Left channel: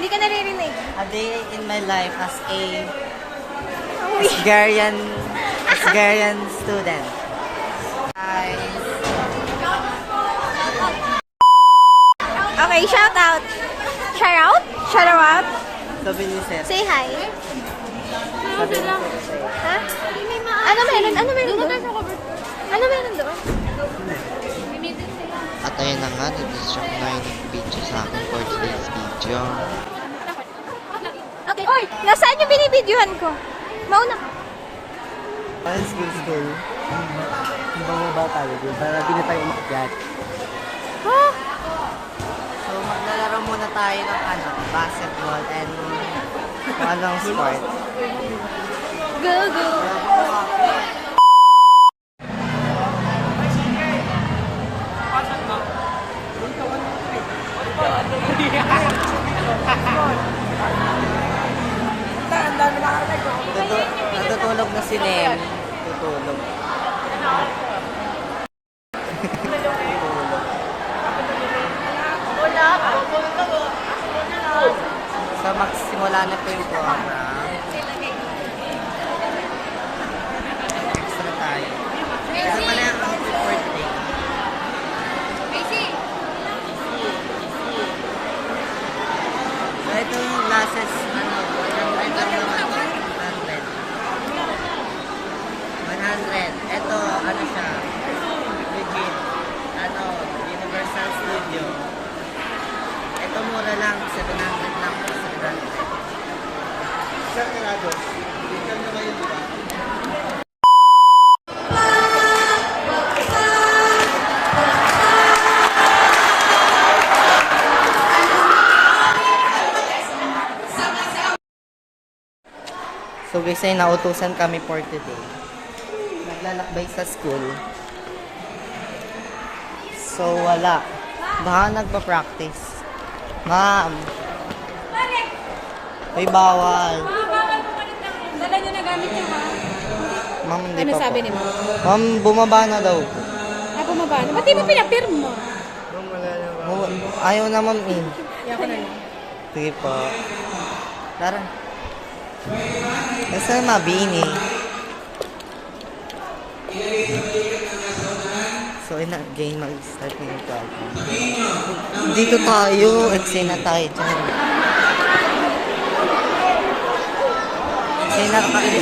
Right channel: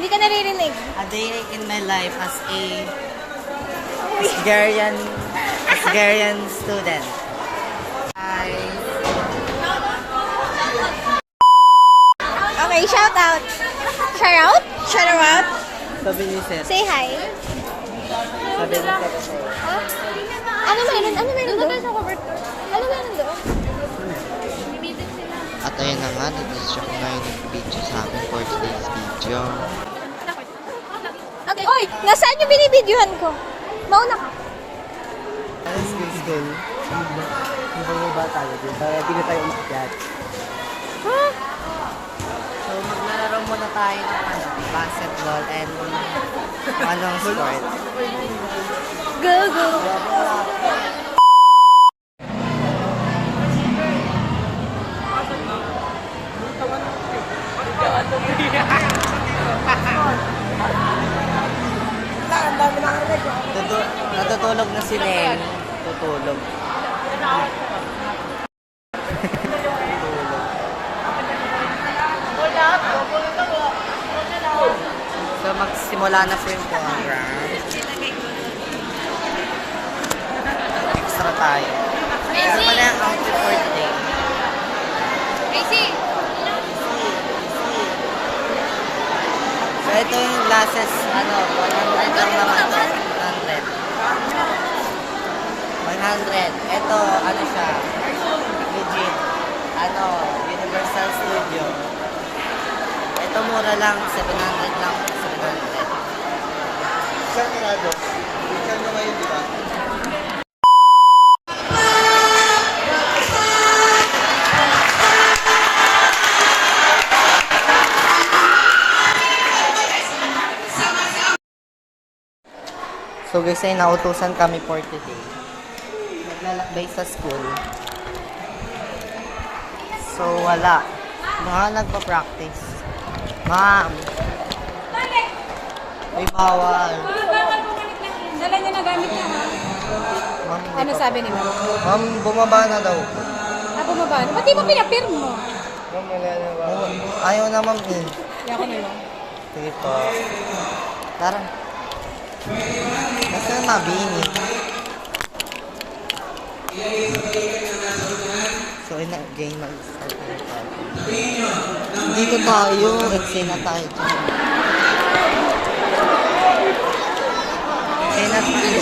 Hindi ka naririnig. A day in my life as a Asgarian student. Okay, shout out. Shout out? Shout out? Sabi ni Sir. Say hi. Sabi ni Sir. Ha? Ano meron? Ano meron doon? Ano meron doon? At ayun na nga, nag-distract na yung nag-video sa akin for today's video. Okay. Oy! Nasaan yung binibidyohan ko? Mauna ka. Ano school? Ibang iba tayo din. Para di ko tayo umakyat. Ha? So, maglalaro muna tayo ng basketball and anong sport. Go, go. Natutulog na si Nem. Tutulog. So, magsimula na po yung program. Extra tayo. Ito pala yung outfit for today. So, ito yung glasses, 100 lang naman. 100. 100. Ito, siya, legit. Universal Studio. Ito mura lang, 700 lang. 700. Saan ka nga doon? Saan na ngayon, di ba? So guys, ay nautusan kami for today. Naglalakbay sa school. So wala. Baka nagpa-practice. Ma'am. Ay bawal. Dala niya na gamit niya. Ma'am, hindi Ano pa sabi po. ni mo? Ma'am, bumaba na daw. Bumaba na. Ba't di mo pinapirma? Ayaw na ma'am eh. Yako na lang. Sige po. Parang. Basta mabini. So, game mag-start na yung program. Dito tayo. Explain na tayo dyan. Explain na tayo.